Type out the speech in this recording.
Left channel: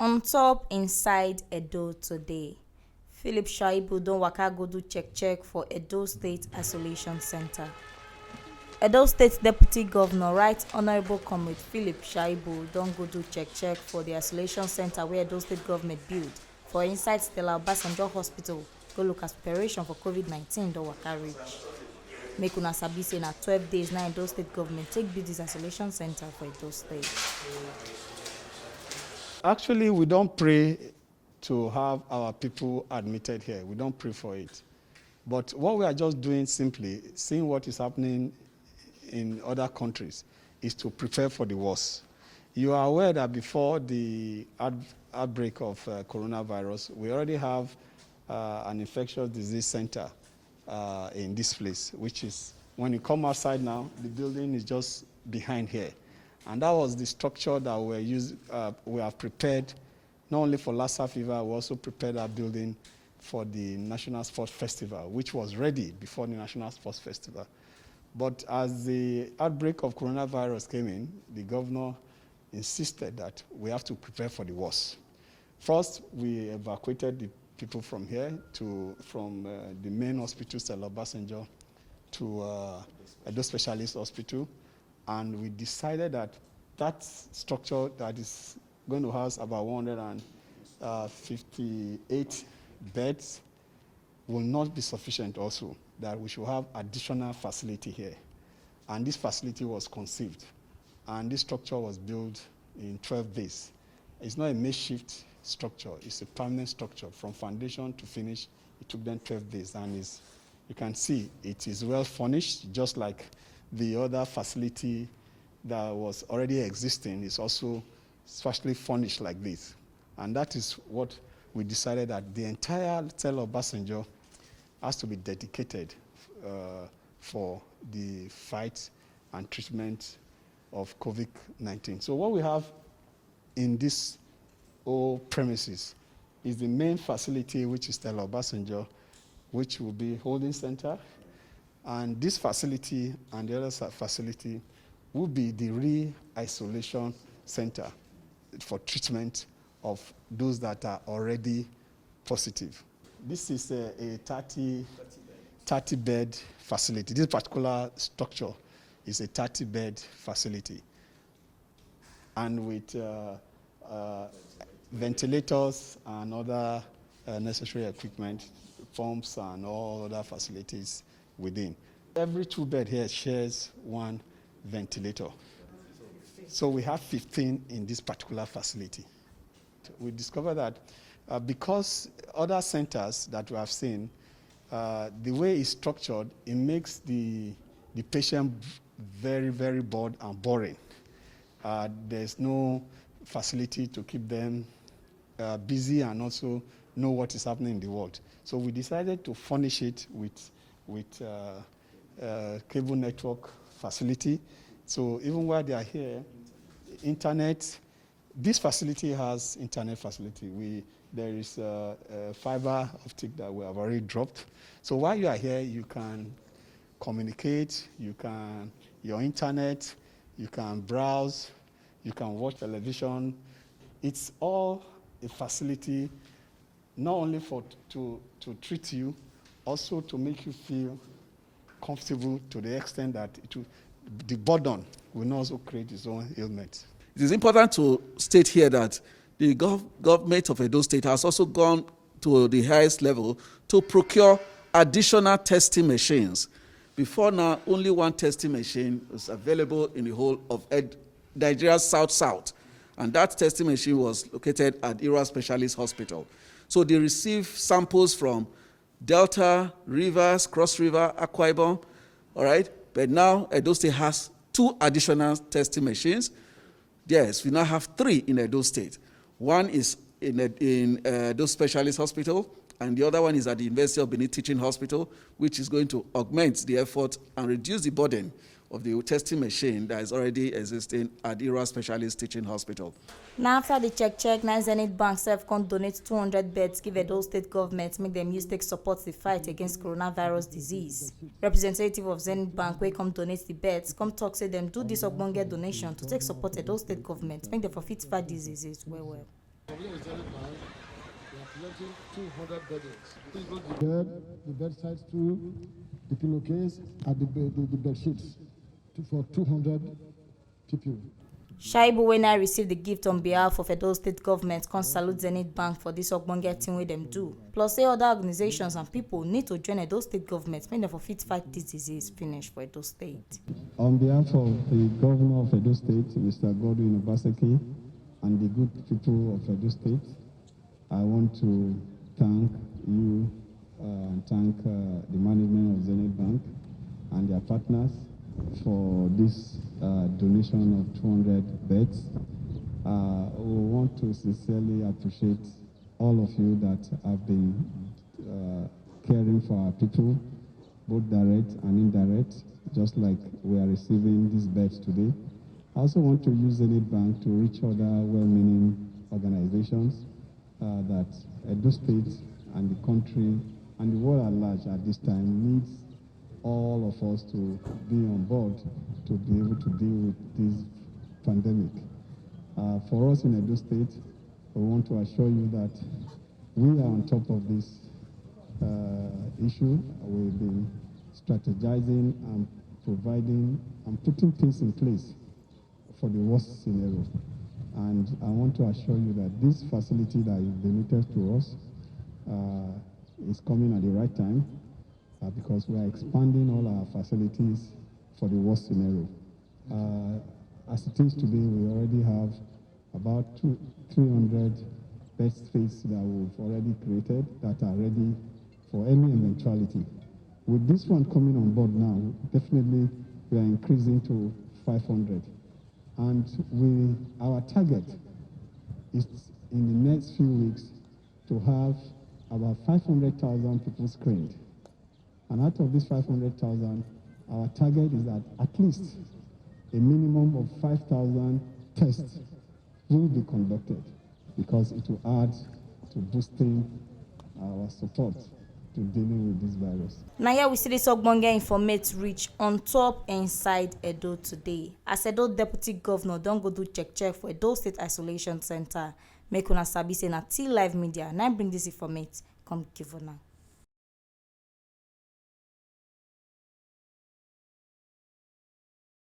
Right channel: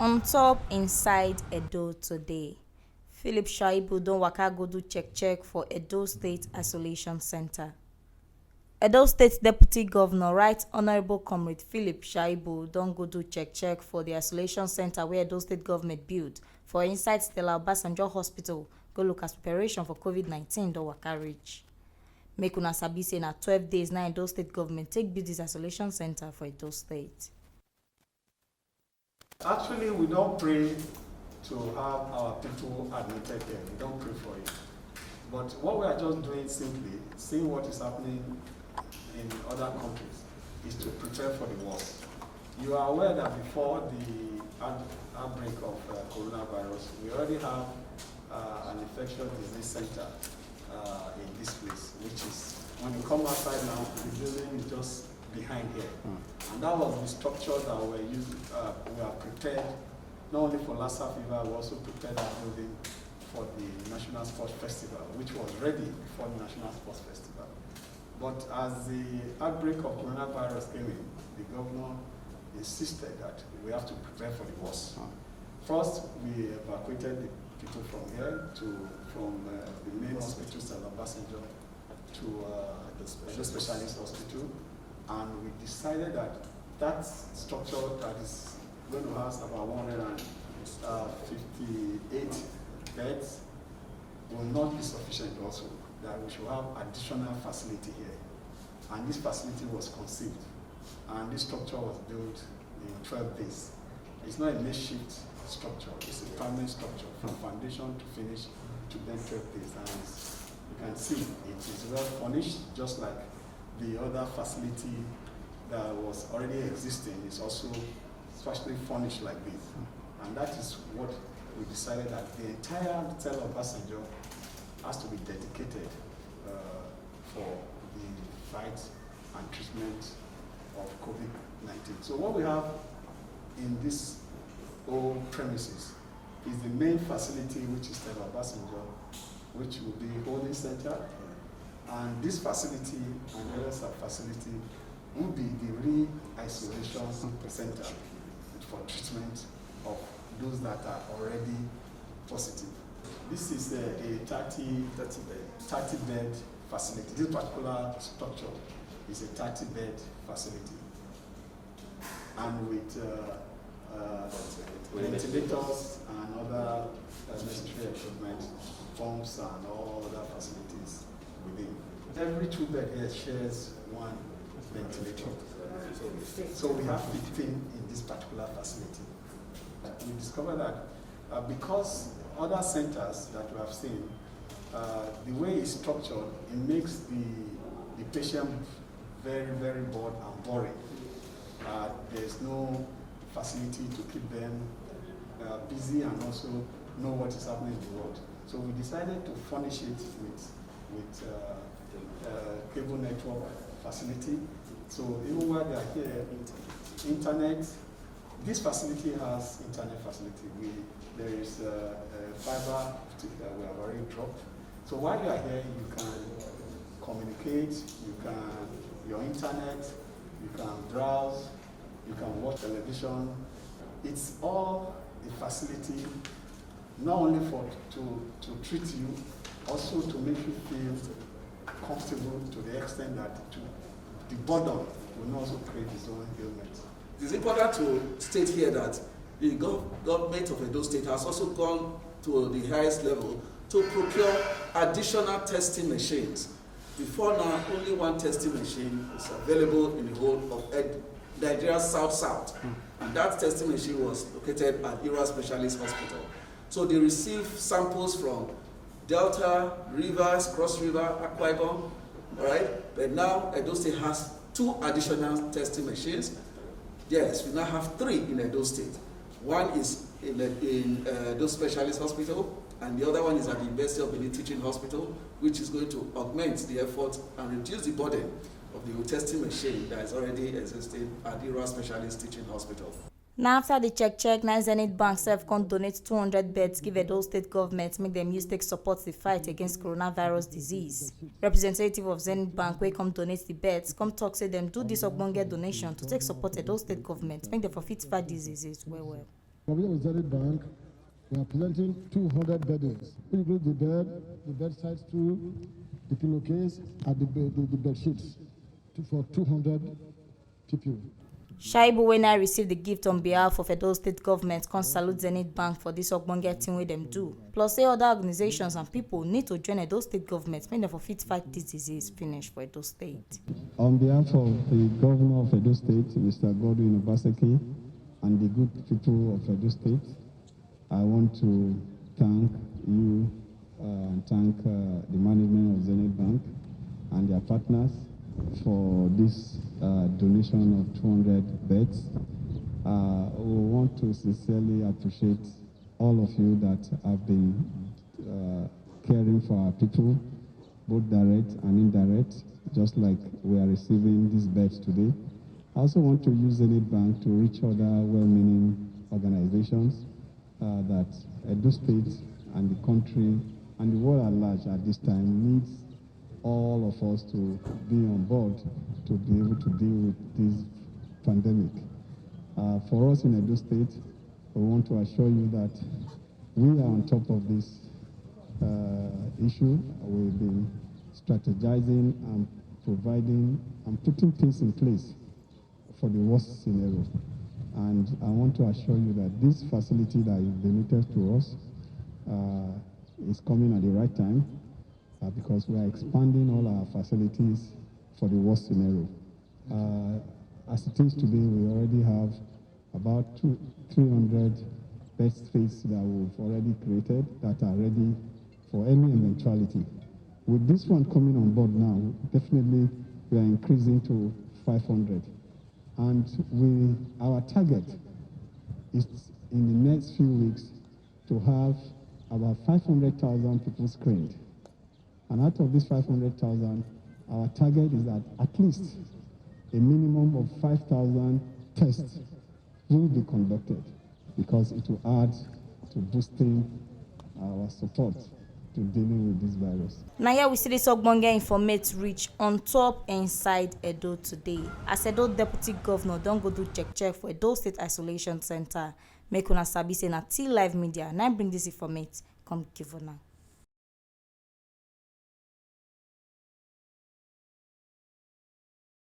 On top inside Edo today, Philip Shaibu don waka go do check for Edo State Isolation Center. Edo State Deputy Governor Right Honourable Comrade Philip Shaibu don go do check for the isolation center wey Edo State government build for inside Stella Obasanjo Hospital go look as preparation for COVID-19 don waka reach. Make una sabi say na 12 days na Edo State government take build dis isolation center for Edo State. Actually, we don't pray to have our people admitted here. We don't pray for it. But what we are just doing simply, seeing what is happening in other countries, is to prepare for the worst. You are aware that before the outbreak of coronavirus, we already have an infectious disease center in this place, which is, when you come outside now, the building is just behind here. And that was the structure that we have prepared, not only for Lassa fever, we also prepared our building for the National Sports Festival, which was ready before the National Sports Festival. But as the outbreak of coronavirus came in, the governor insisted that we have to prepare for the worst. First, we evacuated the people from here from the main hospital, Stella Obasanjo, to Edo Specialist Hospital. And we decided that structure that is going to house about 158 beds will not be sufficient also, that we should have additional facility here. And this facility was conceived. And this structure was built in 12 days. It's not a makeshift structure, it's a permanent structure. From foundation to finish, it took them 12 days. And you can see it is well furnished, just like the other facility that was already existing is also specially furnished like this. And that is what we decided, that the entire Stella Obasanjo has to be dedicated for the fight and treatment of COVID-19. So what we have in this old premises is the main facility, which is Stella Obasanjo, which will be holding center. And this facility and the other facility will be the re-isolation center for treatment of those that are already positive. This is a 30-bed facility. This particular structure is a 30-bed facility, and with ventilators and other necessary equipment, pumps and all other facilities within. Every 2 bed here shares 1 ventilator. So we have 15 in this particular facility. We discovered that because other centers that we have seen, the way it's structured, it makes the patient very, very bored and boring. There's no facility to keep them busy and also know what is happening in the world. So we decided to furnish it with cable network facility. So even while they are here, internet, this facility has internet facility. There is a fiber optic that we have already dropped. So while you are here, you can communicate, your internet, you can browse, you can watch television. It's all a facility, not only to treat you, also to make you feel comfortable to the extent that the burden will not also create its own ailment. It is important to state here that the government of Edo State has also gone to the highest level to procure additional testing machines. Before now, only 1 testing machine is available in the whole of Nigeria South, and that testing machine was located at Ira Specialist Hospital. So they receive samples from Delta, Rivers, Cross River, Akwa Ibom, all right? But now Edo State has 2 additional testing machines. Yes, we now have 3 in Edo State. One is in Edo Specialist Hospital, and the other one is at the University of Benin Teaching Hospital, which is going to augment the effort and reduce the burden of the testing machine that is already existing at the Ira Specialist Teaching Hospital. Now after the check, na Zenith Bank sef come donate 200 beds give Edo State government make dem use take support the fight against coronavirus disease. Representative of Zenith Bank wey come donate the beds come talk say dem do this ogbonge donation to take support Edo State government make dem for fit fight diseases well. Here is Zenith Bank. We are collecting 200 beddings. Include the bedside stool, the pillowcase, and the bed sheets for 200 people. Shaibu, when I received the gift on behalf of Edo State government, can salute Zenith Bank for this ogbonge thing wey dem do. Plus, say other organizations and people need to join Edo State government make dem for fit fight this disease finish for Edo State. On behalf of the Governor of Edo State, Mr. Godwin Obaseki, and the good people of Edo State, I want to thank you and thank the management of Zenith Bank and their partners for this donation of 200 beds. We want to sincerely appreciate all of you that have been caring for our people, both direct and indirect, just like we are receiving these beds today. I also want to use Zenith Bank to reach other well-meaning organizations that Edo State and the country and the world at large at this time needs all of us to be on board to be able to deal with this pandemic. For us in Edo State, we want to assure you that we are on top of this issue. We've been strategizing and providing and putting things in place for the worst scenario. And I want to assure you that this facility that is donated to us is coming at the right time because we are expanding all our facilities for the worst scenario. As it is today, we already have about 300 bed spaces that we've already created that are ready for any eventuality. With this one coming on board now, definitely we are increasing to 500. And our target is in the next few weeks to have about 500,000 people screened. And out of this 500,000, our target is that at least a minimum of 5,000 tests will be conducted because it will add to boosting our support to dealing with this virus. Now here we see this ogbonge informate reach Ontop inside Edo today. As Edo Deputy Governor don go do check for Edo State Isolation Center. Make una sabi say na T Live Media na bring this informate come give una.